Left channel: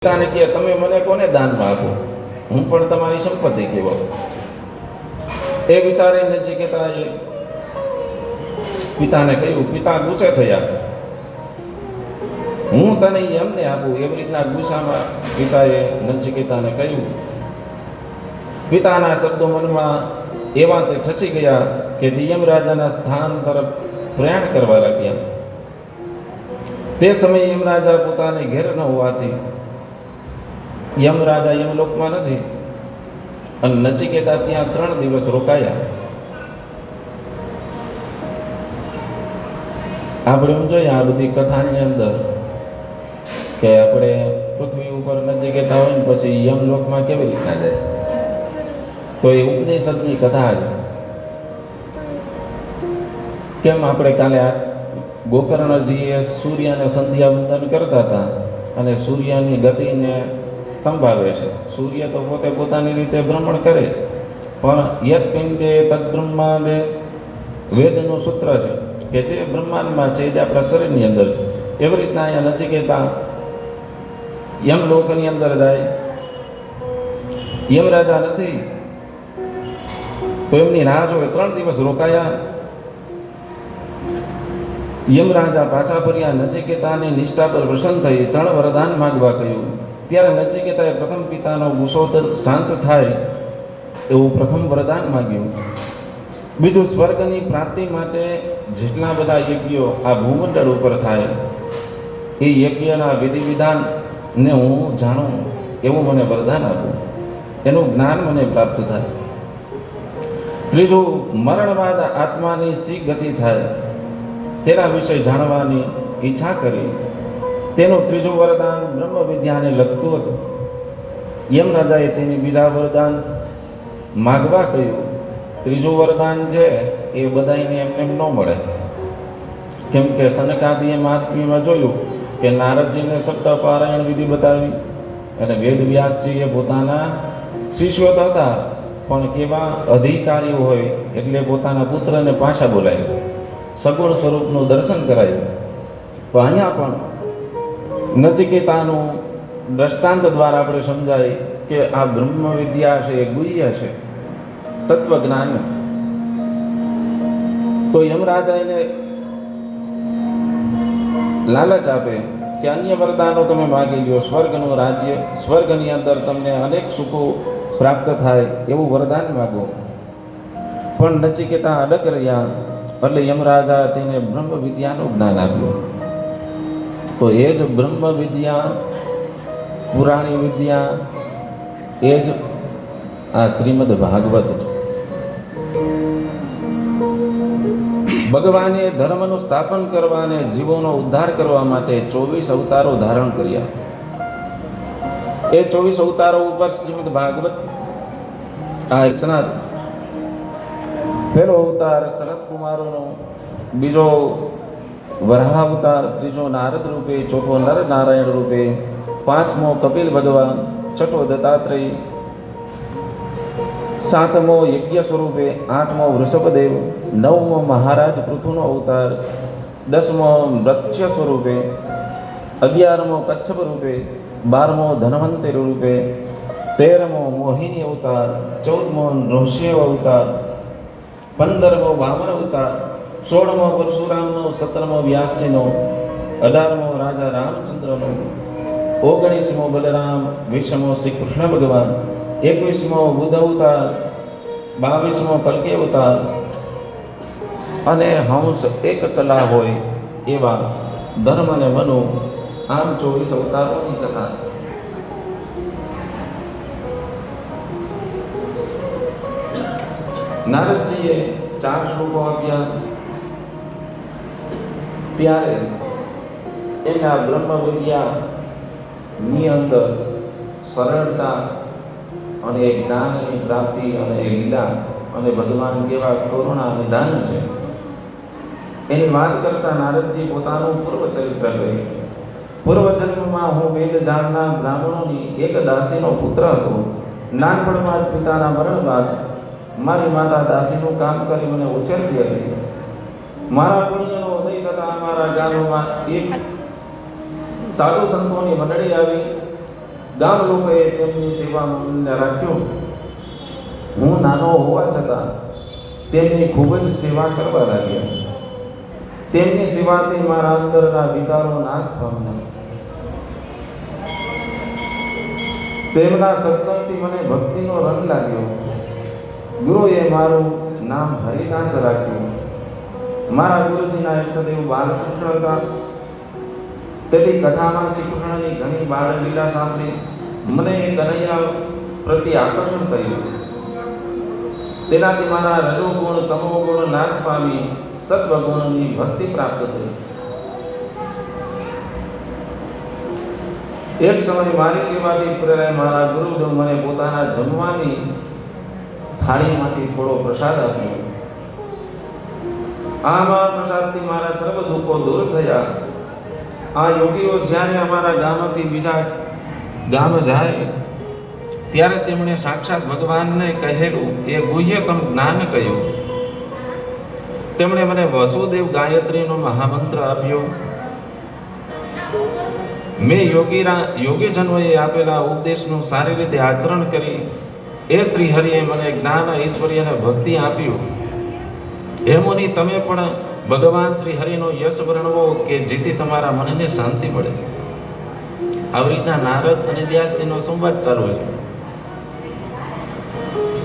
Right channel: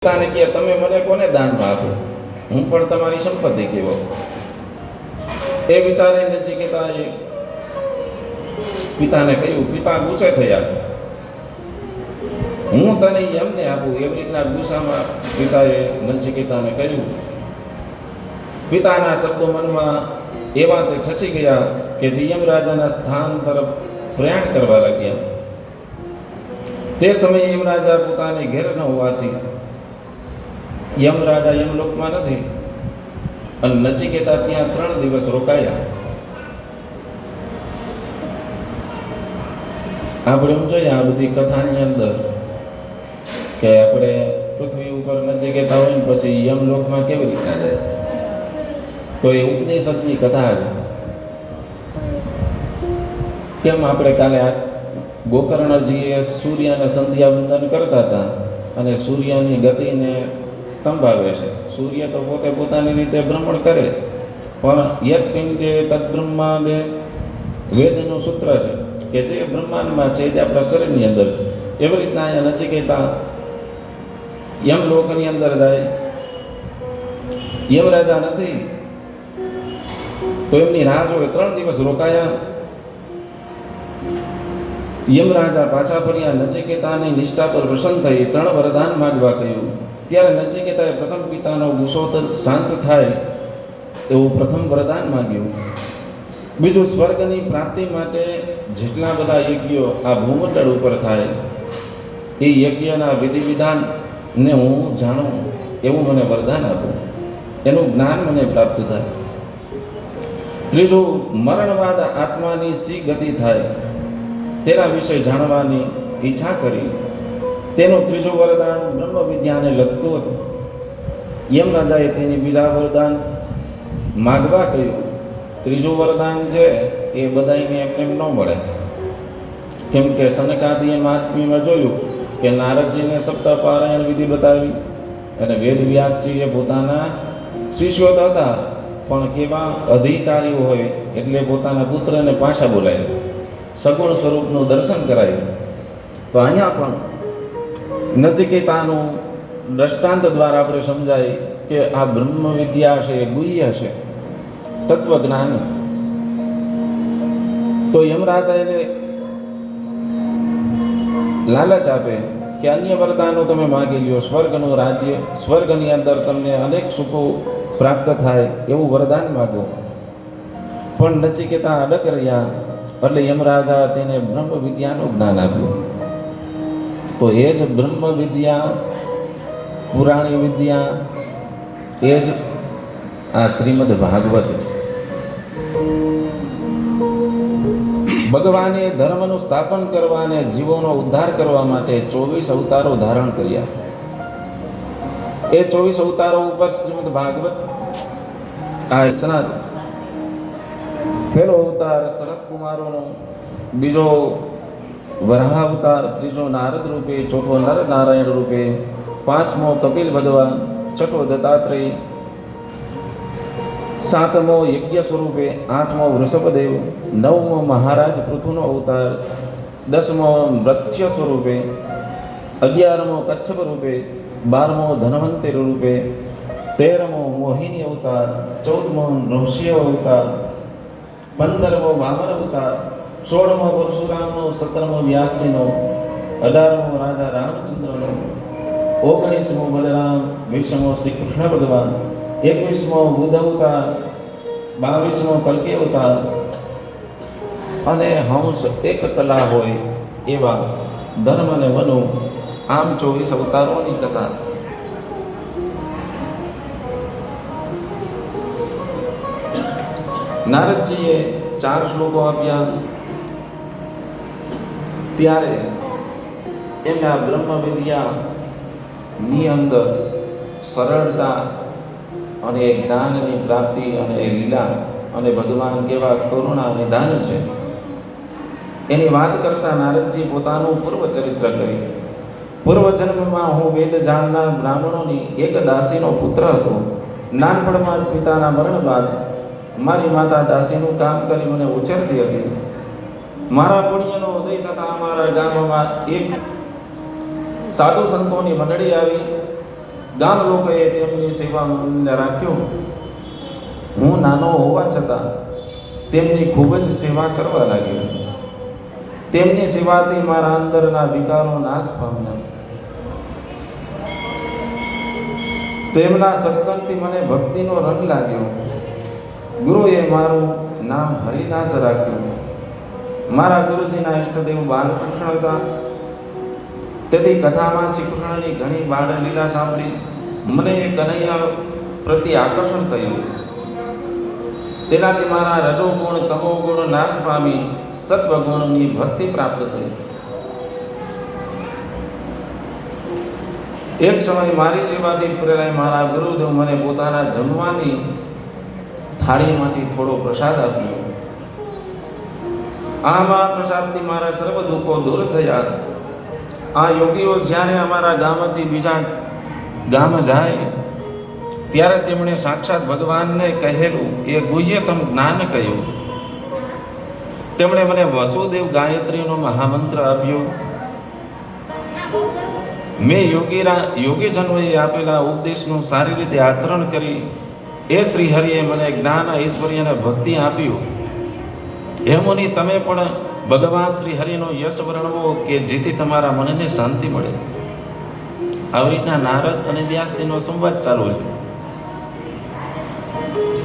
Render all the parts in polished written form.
પિતાને કહે તમે મને કોને દાનમાં આપો, હું પણ તમારી સંપત્તિ કહેવાઉં. એ વિચારે નચિકેતાએ પિતાને કહ્યું. પિતા ગુસ્સે થયા. હું તને એમને આપું એવી રીતના ગુસ્સામાં પિતાએ નચિકેતાને કહ્યું. પિતાના શબ્દો મનમાં એવા તે ઠસી ગયા કે યમરાજાના સ્થાન તરફ પ્રયાણ કરવા લાગ્યા. તે સમયે યમરાજા પોતાને ઘેર ન હોવાથી યમરાજા યમલોકમાં નથી અને નચિકેતા ત્યાં 3 દિવસ રોકાયા. આપણે જોઈએ આ બધી કથાની અંદર કે આપણે પૃથ્વી ઉપર નચિકેતા હોય ને પછી યમલોકમાં કેવી રીતના જાય, તો એ ઉપનિષદની કથા છે. કેમ આપણે કાલે ગોકર્ણજીએ સૂર્યને સંધ્યા વંદન કરતા હતા અને સૂર્યની ગતિને સ્તંભાવે છે. સૂર્ય તો પોતે પોતાની રીતે ભ્રમણ કરે, પણ યત પિંડે તદ બ્રહ્માંડે વેદનું સૂત્ર છે કે જે બ્રહ્માંડમાં છે એ આપણા શરીરની અંદર છે. એવી રીતના અહીંયા નચિકેતા યમલોકની અંદર જાય. યમરાજા નથી તો એમની રાહ જોવે. 3 દિવસ રોકાયા. યમરાજા પાછા ફર્યા. નચિકેતાની નિષ્ઠા પર પ્રસન્ન થઈ 3 વરદાન માગવા કહ્યું. ત્યારે નચિકેતાએ પ્રથમ પિતાનો ગુસ્સો શાંત થાય એવું પ્રથમ વરદાન માગ્યું. બીજું, સ્વર્ગની પ્રાપ્તિ માટે જેટલા બધા યજ્ઞો આ ભૂમંડળ ઉપર થાય એ યજ્ઞના વિધિ વિધાનને હું જાણું એવું મને વરદાન આપું, એનું જ્ઞાન મને પ્રાપ્ત થાય. ત્રીજું, મરણવાદ આત્માની શી ગતિ થાય તેના વિશે જાણવાની ઈચ્છા કરી. તેનું ત્રીજું વરદાન બ્રહ્મ વિદ્યાને લગતું હતું. યમરાજાએ તેની બીજા વરદાન માગવા કહ્યું. ત્રીજું વરદાન છે એ બધાને એમને ન મળે, કેમ કે સનકાદીએ મહાત્મ્યમાં જોયું કે નારદજીને સપ્તાહપારાયણ વિધિ બતાવી અને વેદ વ્યાસજીએ પોતાના શિષ્યો હતા પણ કેવા અધિકારીઓ હોય એટલે પોતાના પુત્રને પાછા બોલાવ્યો, સગુણ સ્વરૂપનું દર્શન કરાયું. તો અહીંયા પણ નચિકેતાનું દ્રષ્ટાંત દ્વારા આપણે સમજાય કે આ બ્રહ્મ વિદ્યા છે, ગુહ્ય છે, તત્વજ્ઞાન. તો યમરાજા એને લાલચ આપે કે અન્ય વરદાનો તમે માગી લ્યો, સ્વર્ગનું રાજ્ય, સ્વર્ગની અંદર તમને અનેક સુખો પ્રાપ્ત થાય એવું વરદાન માગો. પણ નચિકેતા અડગ રહ્યા એટલે યમરાજા તેને બ્રહ્મ વિદ્યાનું જ્ઞાન આપ્યું. તો એ જ બ્રહ્મ વિદ્યા, પુરાણી વિદ્યા, એ જ આ શ્રીમદ ભાગવત. ભગવાને ધર્મનું સ્થાપન કરવા અને જીવોનો ઉદ્ધાર કરવા માટે 24 અવતારો ધારણ કર્યા. એ 24 અવતારો ઉપર શ્રીમદ ભાગવત આ રચના. પહેલો અવતાર શરદ કુમારોનો, બીજો વરાહ અવતાર, ત્રીજો નારદ રૂપે, ચોથો નર નારાયણ રૂપે, 5મો કપિલ ભગવાન, 6ઠો દત્તાત્રેય, 7મો યજ્ઞ સ્વરૂપે, 8મો વૃષભદેવ, 9મો મહારાજ પૃથુનો અવતાર, 10મો મત્સ્ય સ્વરૂપે, 11મો કચ્છપ રૂપે, 12મો ધન્વંતરી રૂપે, 13મો મોહિની અવતાર, 14મો નૃસિંહ અવતાર, 15મો વામન અવતાર, 16મો પરશુરામનો, 17મો વ્યાસજીનો, 18મો રાજા રામચંદ્રનો, 19મો બલરામ, 20મો શ્રી કૃષ્ણ ભગવાન, 21મો બુદ્ધ અવતાર, 22મો કલ્કી અવતાર અને હંસ એક કલા હોય એવા ધર્મ અને મનો, આમ 24 અવતારોની કથા. નારદજીએ 4 શ્લોકો આપ્યા ત્યારે એમના બ્રહ્મ વિદ્યાની અંદર સરળતા અને જ્ઞાનની પ્રાપ્તિ અને લીલા અને ભગવાન કેવા કરુણા નિદાન છે એની વાત કરતા નારદજી પોતાનું પૂર્વચરિત્ર કહ્યું. પૂર્વજન્મમાં હું વેદ જાણનાર બ્રાહ્મણોની એક દાસીનો પુત્ર હતો. નાનપણમાં જ પિતાના મરણ બાદ મારી માતા દાસીનું કામ કરી મને ઉછેરતી હતી. મારા પુણ્યનો ઉદય થતાં અમારા ગામમાં એક સાધુ સંતોની મંડળી આવી ગામ લોકોએ તેમની સેવાને રાખ્યું. હું નાનો હોવા છતાં તેમની ખૂબ જ સેવા કરવા લાગ્યો. તેમની સેવાથી મારા અંદરના વિકારો નાશ પામ્યા. તેમના સત્સંગથી મને ભક્તિનો રંગ લાગ્યો. ગુરુએ મારું નામ હરિદાસ રાખ્યું. મારા ગુરુજીના ઇષ્ટદેવ બાલકૃષ્ણ હતા. તેથી કથામાં શ્રી કૃષ્ણની ઘણી બાળ લીલા સાંભળી મને કનૈયા પ્રતિ આકર્ષણ થયું. તેનાથી મારા રજોગુણ તમોગુણ નાશ પામી સત્વગુણની ભક્તિ પ્રાપ્ત થઈ. એક સમય મારી સેવાથી પ્રેરાય મારા ગુરુદેવ મને પોતાના જમવાની થાળીમાંથી થોડો પ્રસાદ આપ્યો. આ પ્રસાદથી મારા સર્વ દુઃખો દૂર થયા. આ યોગીઓ જ્યારે અમારા ગામથી બીજા ગામ જાય ત્યારે તેમણે સાક્ષાત ભગવાનને કહેલું એ ગુહ્યતમ જ્ઞાન કહ્યું. તેમણે મને વસુદેવ ગાયત્રીનો મહામંત્ર આપ્યો. મેં યોગીજનોએ આપેલા ઉપદેશનું સારી રીતે આચરણ કરી એ શ્રી હરિએ મને જ્ઞાન ઐશ્વર્ય અને ભક્તિ આપ્યું. હે મુનિ, તમે પણ ભગવાન શ્રી હરિનો યશ વર્ણવો કે જેથી તમારા મનને શાંતિ મળે. આવી રીતના નારદ અને વ્યાસજીનો સંવાદ ચાલુ છે.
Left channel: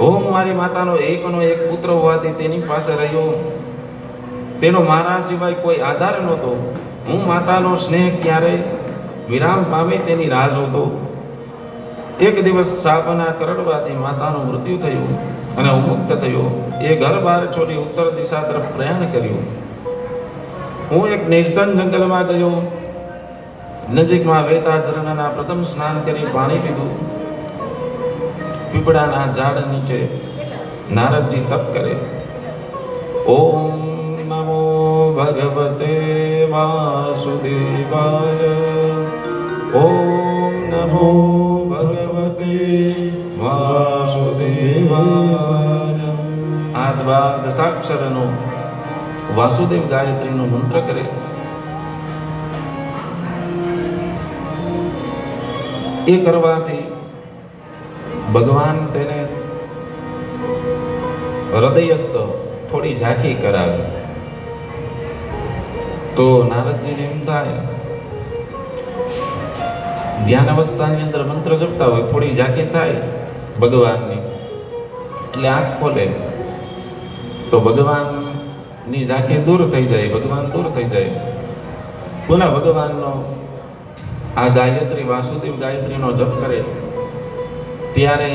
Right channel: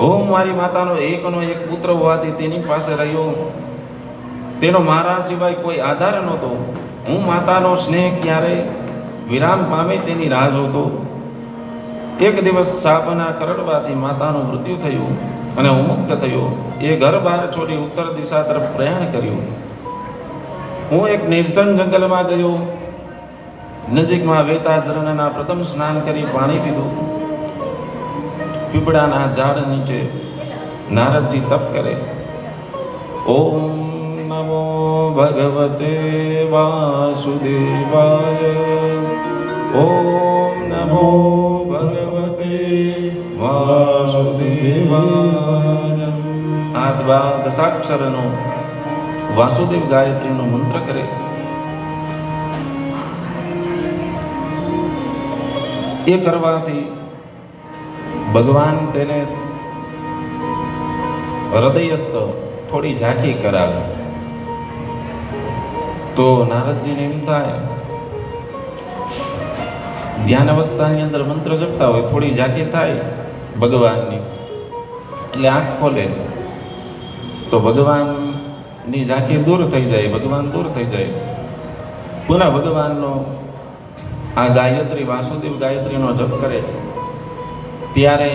હું મારી માતાનો એકનો એક પુત્ર હોવાથી તેની પાસે રહ્યો. તેનો મારા સિવાય કોઈ આધાર નહોતો. હું માતાનો સ્નેહ ક્યારે વિરામ પામે તેની રાહ જોતો. એક દિવસ સાપના કરડવાથી માતાનું મૃત્યુ થયું અને હું મુક્ત થયો. એ ઘર બહાર છોડી ઉત્તર દિશા તરફ પ્રયાણ કર્યું. હું એક નિર્જન જંગલમાં ગયો. નજીકમાં વહેતા ઝરણાના પ્રથમ સ્નાન કરી પાણી પીધું. પીપળાના ઝાડ નીચે નારદજી તપ કરે. ઓમ નમો ભગવતે વાસુદેવાય. ઓમ નમો ભગવતે વાસુદેવાય. આ દશાક્ષરનો વાસુદેવ ગાયત્રીનો મંત્ર કરે. એ કરવાથી ભગવાન તેને હૃદયસ્થ થોડી ઝાંખી કરાવે. તો નારદજીને એમ થાય, ધ્યાન અવસ્થાની અંદર મંત્ર જપતા હોય, થોડી ઝાંખી થાય ભગવાનની, એટલે આંખ ખોલે તો ભગવાનની ઝાંખી દૂર થઈ જાય, ભગવાન દૂર થઈ જાય. પુનઃ ભગવાનનો આ ગાયત્રી વાસુદેવ ગાયત્રીનો જપ કરે ત્યારે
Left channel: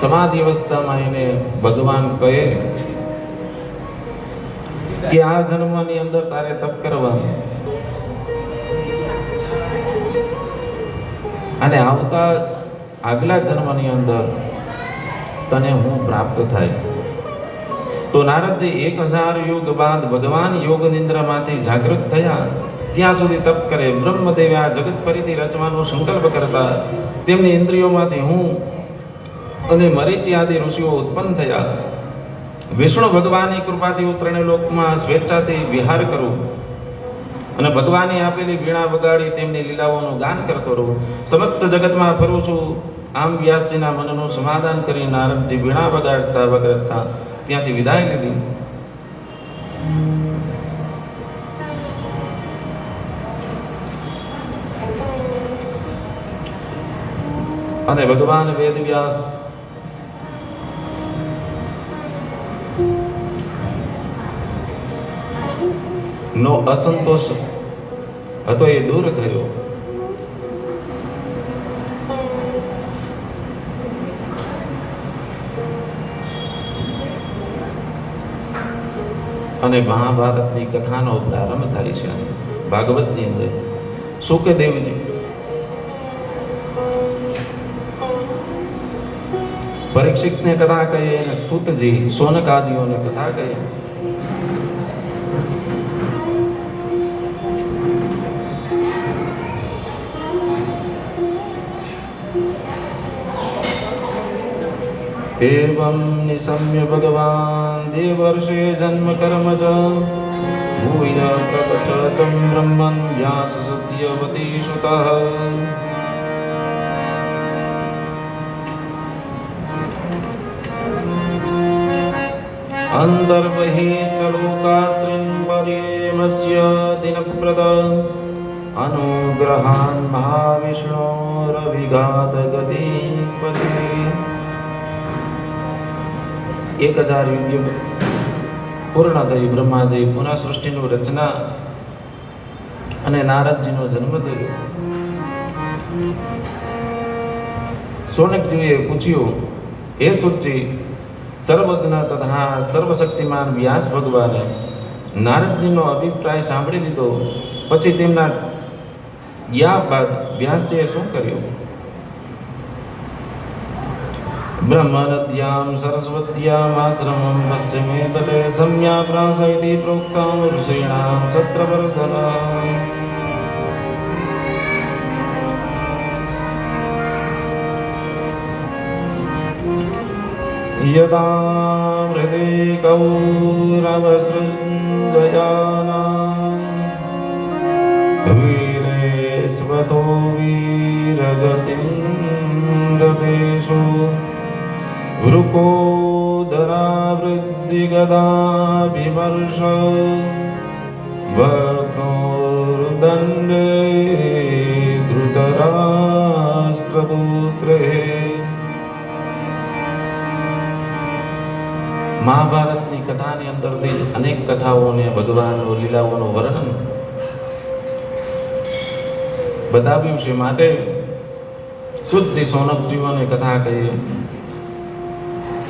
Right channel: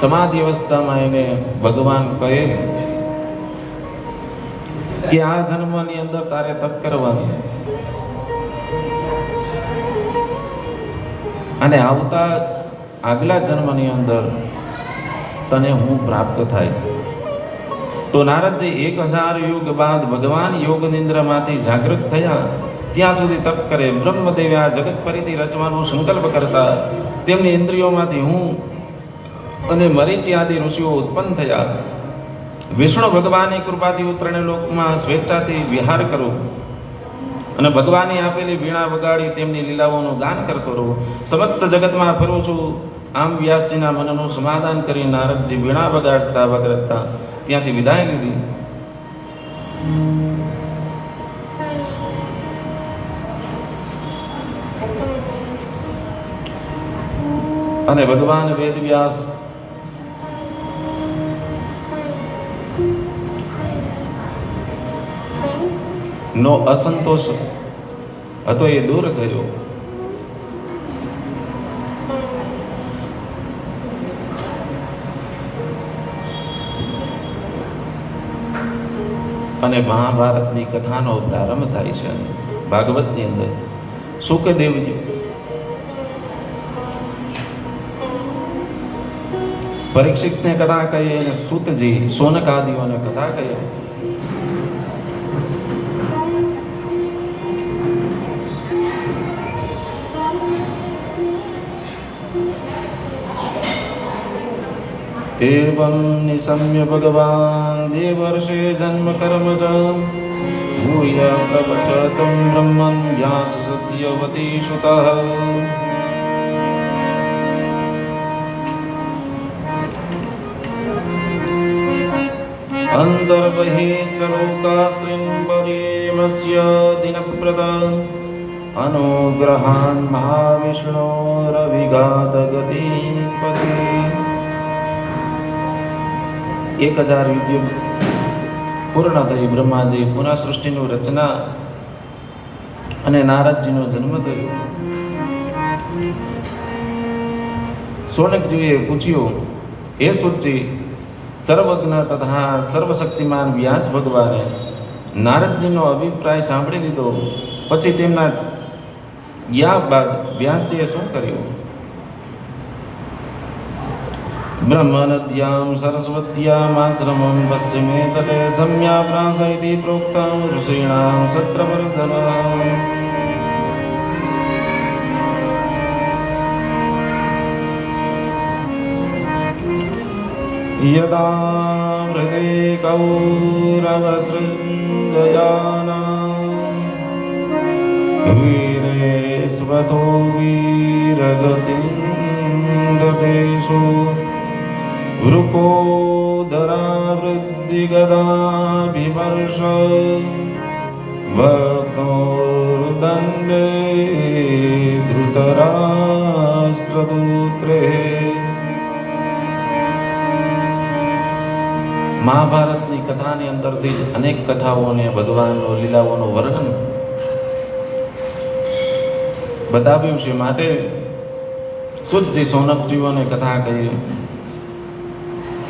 સમાધિ અવસ્થામાં એને ભગવાન કહે કે આ જન્મની અંદર તારે તપ કરવાનું અને આવતા આગલા જન્મની અંદર તને હું પ્રાપ્ત થાય. તો નારદજી 1000 યુગ બાદ ભગવાન યોગ નિંદ્રામાંથી જાગૃત થયા ત્યાં સુધી તપ કરે. બ્રહ્મદેવે આ જગત ફરીથી રચવાનો સંકલ્પ કરતા તેમની ઇન્દ્રિયોમાંથી હું અને મરીચી આદિ ઋષિઓ ઉત્પન્ન થયા. વિષ્ણુ ભગવાનની કૃપાથી ત્રણે લોકમાં સ્વેચ્છાથી વિહાર કરું અને ભગવાનની આપેલી વીણા વગાડી તેમની લીલાઓનું ગાન કરતો રહું. સમસ્ત જગતમાં ફરું છું. આમ વ્યાસજીના મનનું સમાધાન કરી નારદજી વીણા વગાડતા વગાડતા ત્યાંથી વિદાય લીધી. અને ભગવાન વેદવ્યાસ નો અસંતોષ હતો એ દૂર થયો. અને મહાભારતની કથાનો પ્રારંભ થાય છે. ભાગવતની અંદર સુખદેવજી પરીક્ષિતને કથા કહે અને સૂતજી સોનકાદિઓને કથા કહે. एवं निशम्य भगवान् देवर्षि जन्म कर्म च भूय प्रवचतं ब्रह्मन् व्याससत्यवती श्रुतः अन्तर्बहिश्चलोकास्त्रिं परिमस्य दिनप्रद अनुग्रहान् महाविष्णोरविघातगतिपते 1000 યુગ પૂર્ણ થઈ. બ્રહ્માજી પુનઃ સૃષ્ટિનું રચના અને નારદજીનો જન્મ થયો. શૌનકજીએ પૂછ્યું, હે સુતજી, સર્વજ્ઞ તથા સર્વશક્તિમાન વ્યાસ ભગવાને નારદજીનો અભિપ્રાય સાંભળી લીધો, પછી તેમના યા બાદ વ્યાસજીએ શું કર્યું? બ્રહ્મનદ્યામ સરસ્વત્યામ આશ્રમં પશ્ચિમે તટે સમ્યા પ્રાસયતિ પ્રોક્તાં ઋષીણાં સત્રવર્ધનઃ. યદા હૃદે કૌરવસૃંદયાના વીરેસ્વતો વીરગતિં ગતેષુ વૃકોદરા વૃદ્ધિગદાભિમર્ષ વર્તોર્દંડે ધૃતરાષ્ટ્રપુત્રે. મહાભારતની કથાની અંદરથી જ અનેક કથાઓને ભગવાનનો લીલાઓનું વર્ણન બતાવ્યું છે. માટે શુદ્ધ શૌનકજીઓને કથા કહી.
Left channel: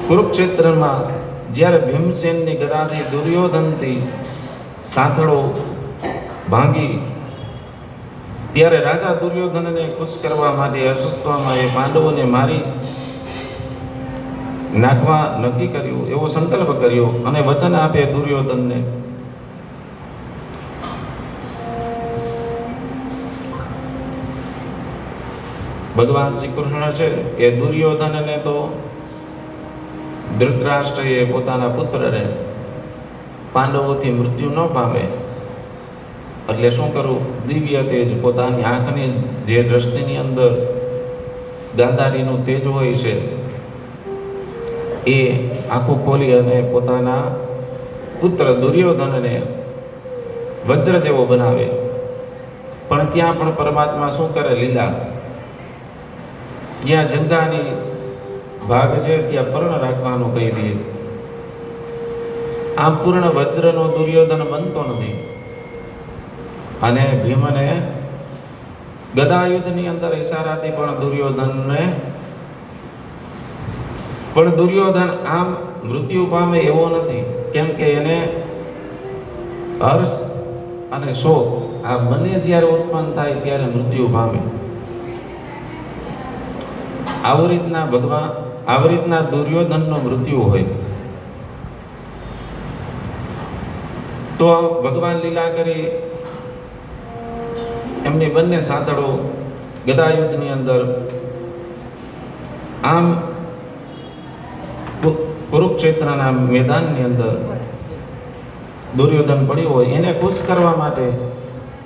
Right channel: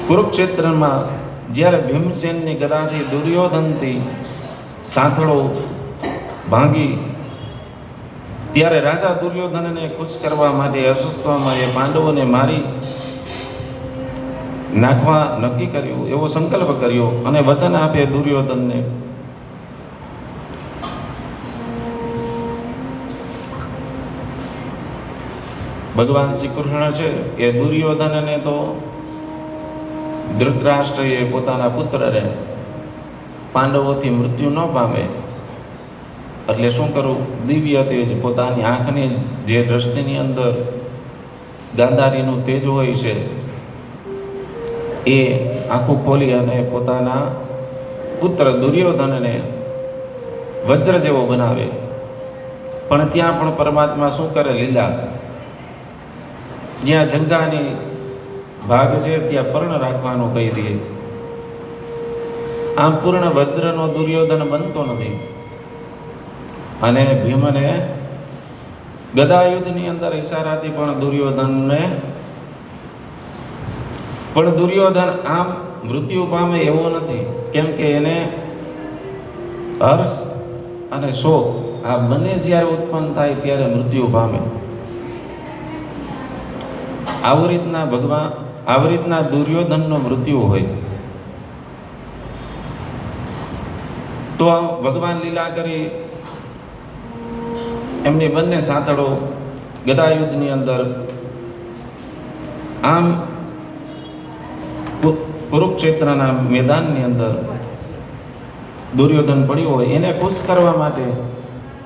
કુરુક્ષેત્રમાં જ્યારે ભીમસેનની ગદાથી દુર્યોધનથી સાથળો ભાંગી, ત્યારે રાજા દુર્યોધનને ખુશ કરવા માટે અસ્વસ્થમાં એ પાંડવોને મારી નાખવા નક્કી કર્યું, એવો સંકલ્પ કર્યો અને વચન આપે દુર્યોધનને. ભગવાન શ્રી કૃષ્ણ છે એ દુર્યોધનને તો ધૃતરાષ્ટ્રએ પોતાના પુત્રને પાંડવોથી મૃત્યુ ન પામે એટલે શું કરવું? દિવ્ય તેજ, પોતાની આંખની જે દ્રષ્ટિની અંદર ગાંધારીનું તેજ હોય છે એ આંખું ખોલી અને પોતાના પુત્ર દુર્યોધનને વજ્ર જેવો બનાવે. પણ ત્યાં પણ પરમાત્મા શું કરે? લીલા. જ્યાં જંગાની ભાગ છે ત્યાં પર્ણ રાખવાનું કહી દે. આમ પૂર્ણ વજ્રનો દુર્યોધન બનતો નથી. અને ભીમને ગદાયુદ્ધની અંદર ઈશારાથી પણ દુર્યોધન આમ મૃત્યુ પામે એવો નથી, કેમ કે એને હર્ષ અને શોક આ બંને જ્યારે ઉત્પન્ન થાય ત્યારે મૃત્યુ પામે. આવી રીતના દુર્યોધનનો મૃત્યુ હોય તો ભગવાન લીલા કરી એમની બંને સાથળો ગદાયુદ્ધની અંદર આમ કુરુક્ષેત્રના મેદાનની અંદર દુર્યોધન પડ્યો હોય એને ખુશ કરવા માટે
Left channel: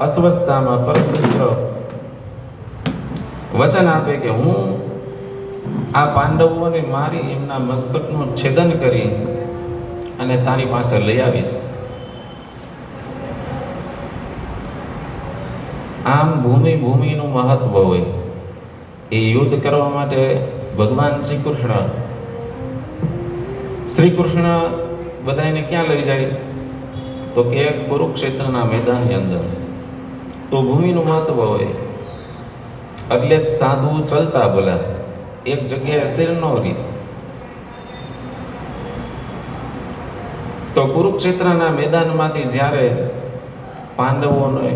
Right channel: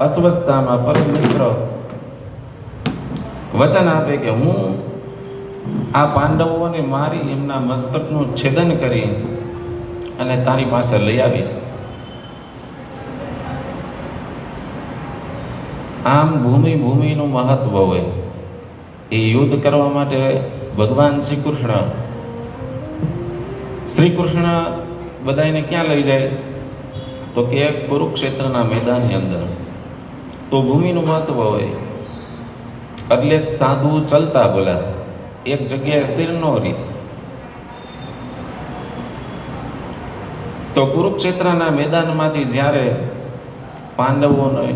અસ્વસ્થતામાં પરમ મિત્ર વચન આપે કે હું આ પાંડવોને મારી એમના મસ્તકનું છેદન કરી અને તારી પાસે લઈ આવીશ. આમ ભૂમિનું મહત્વ હોય એ યુદ્ધ કરવા માટે ભગવાન શ્રી કૃષ્ણ બધાને ક્યાં લઈ જાય? તો કે કુરુક્ષેત્રના મેદાનની અંદર. તો ભૂમિનું મહત્વ હોય એટલે સાધુ ચાલતા બોલ્યા, એક જગ્યાએ સ્થિર ન રહી. તો કુરુક્ષેત્રના મેદાનમાંથી જ્યારે પાંડવોને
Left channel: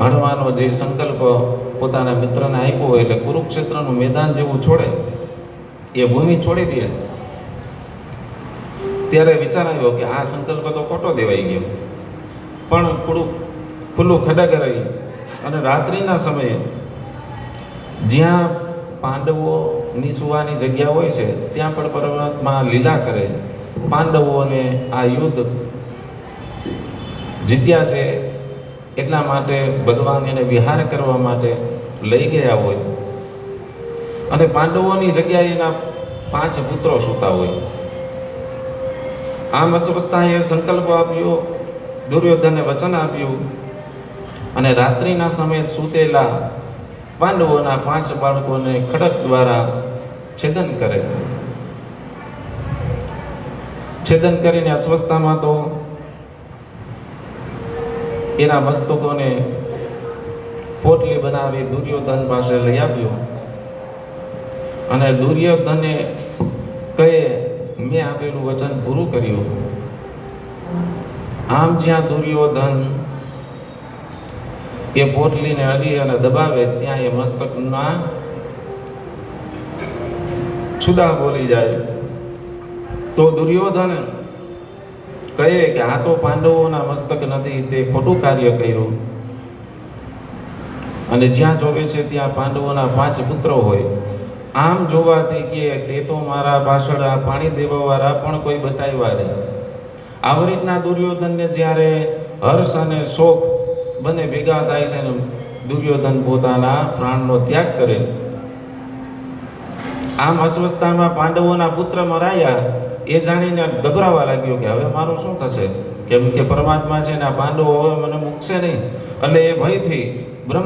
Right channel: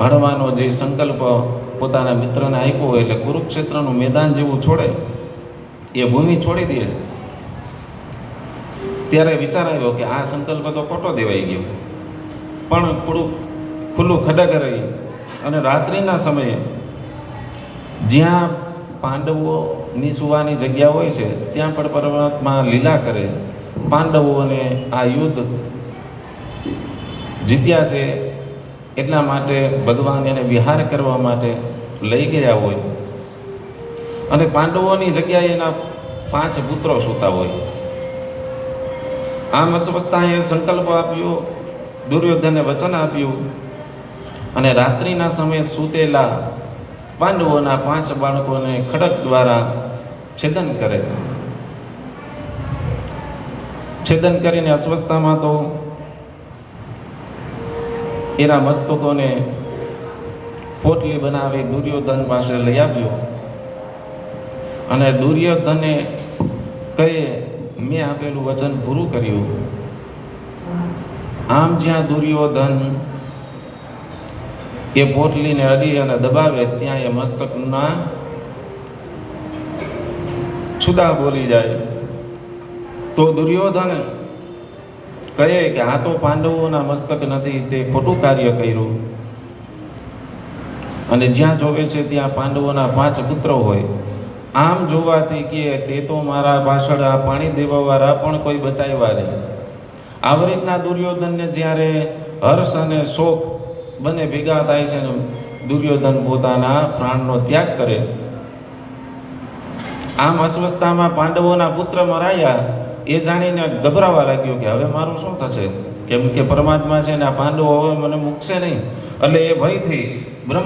હણવાનો જે સંકલ્પ પોતાના મિત્રને આપ્યો હોય એટલે કુરુક્ષેત્રનું મેદાન જેવું છોડે, એ ભૂમિ છોડી દે, ત્યારે વિચાર આવ્યો કે આ સંકલ્પ તો ખોટો દેવાઈ ગયો. પણ થોડું ખુલ્લું ખડક રહી અને રાત્રિના સમયે જ્યાં પાંડવોની સુવાની જગ્યા હોય છે ત્યાં પણ પરમાત્મા લીલા કરે. પાંડવોને આ યુદ્ધ જીત્યા છે એટલા માટે ભગવાન એને વિહાર કરવા માટે લઈ ગયા હોય અને પાંડવોની જગ્યાએ એના 5 પુત્રો સૂતા હોય. આમ અસ્વસ્થાએ સંકલ્પ આપ્યો, દુર્યોધને વચન આપ્યું અને રાત્રિના સમયે સૂતેલા પાંડવોના 5 બાળકોને ખડક દ્વારા છેદન કરે. છેદન કરીને અસ્વસ્થામાં તો એના મસ્તકોને પોટલી બનાવી દુર્યોધન પાસે લઈ આવ્યો અને દુર્યોધને કહે, મેં આપેલું વચન પૂરું કર્યું. આમ જ્યાં દુર્યોધન એ પોટલીને અડી અને દબાવે ત્યાં એ મસ્તકમાં છુદા બોલી જાય. તો દુર્યોધન કહે કે આ તો પાંડવોના મસ્તક નથી, તે ખોટું કાર્ય કર્યું. અને જ્યાં જોવે છે ત્યાં પાંડવોના 5 પુત્રો હોય. આમ જોવાથી કે તે તો મારા પાછળ આ પાણી દેવાવાળા પણ કોઈ બચાવ્યા નહીં. આવી રીતના દુર્યોધનને જ્યારે હર્ષ અને શોક બંને ભેગા થાય છે ને દુર્યોધન પોતાના પ્રાણનો ત્યાગ કરે. આમ અસ્વસ્થતામાં પાંડવોના પુત્ર મરાયા એ જાણીને ગભરાવા લાગ્યો કે હવે મારું શું થશે, કેમ કે પરમાત્મા છે ને આ પાંડવો હવે મને મૂકશે નહીં. એટલે એ ભયથી બ્રહ્મા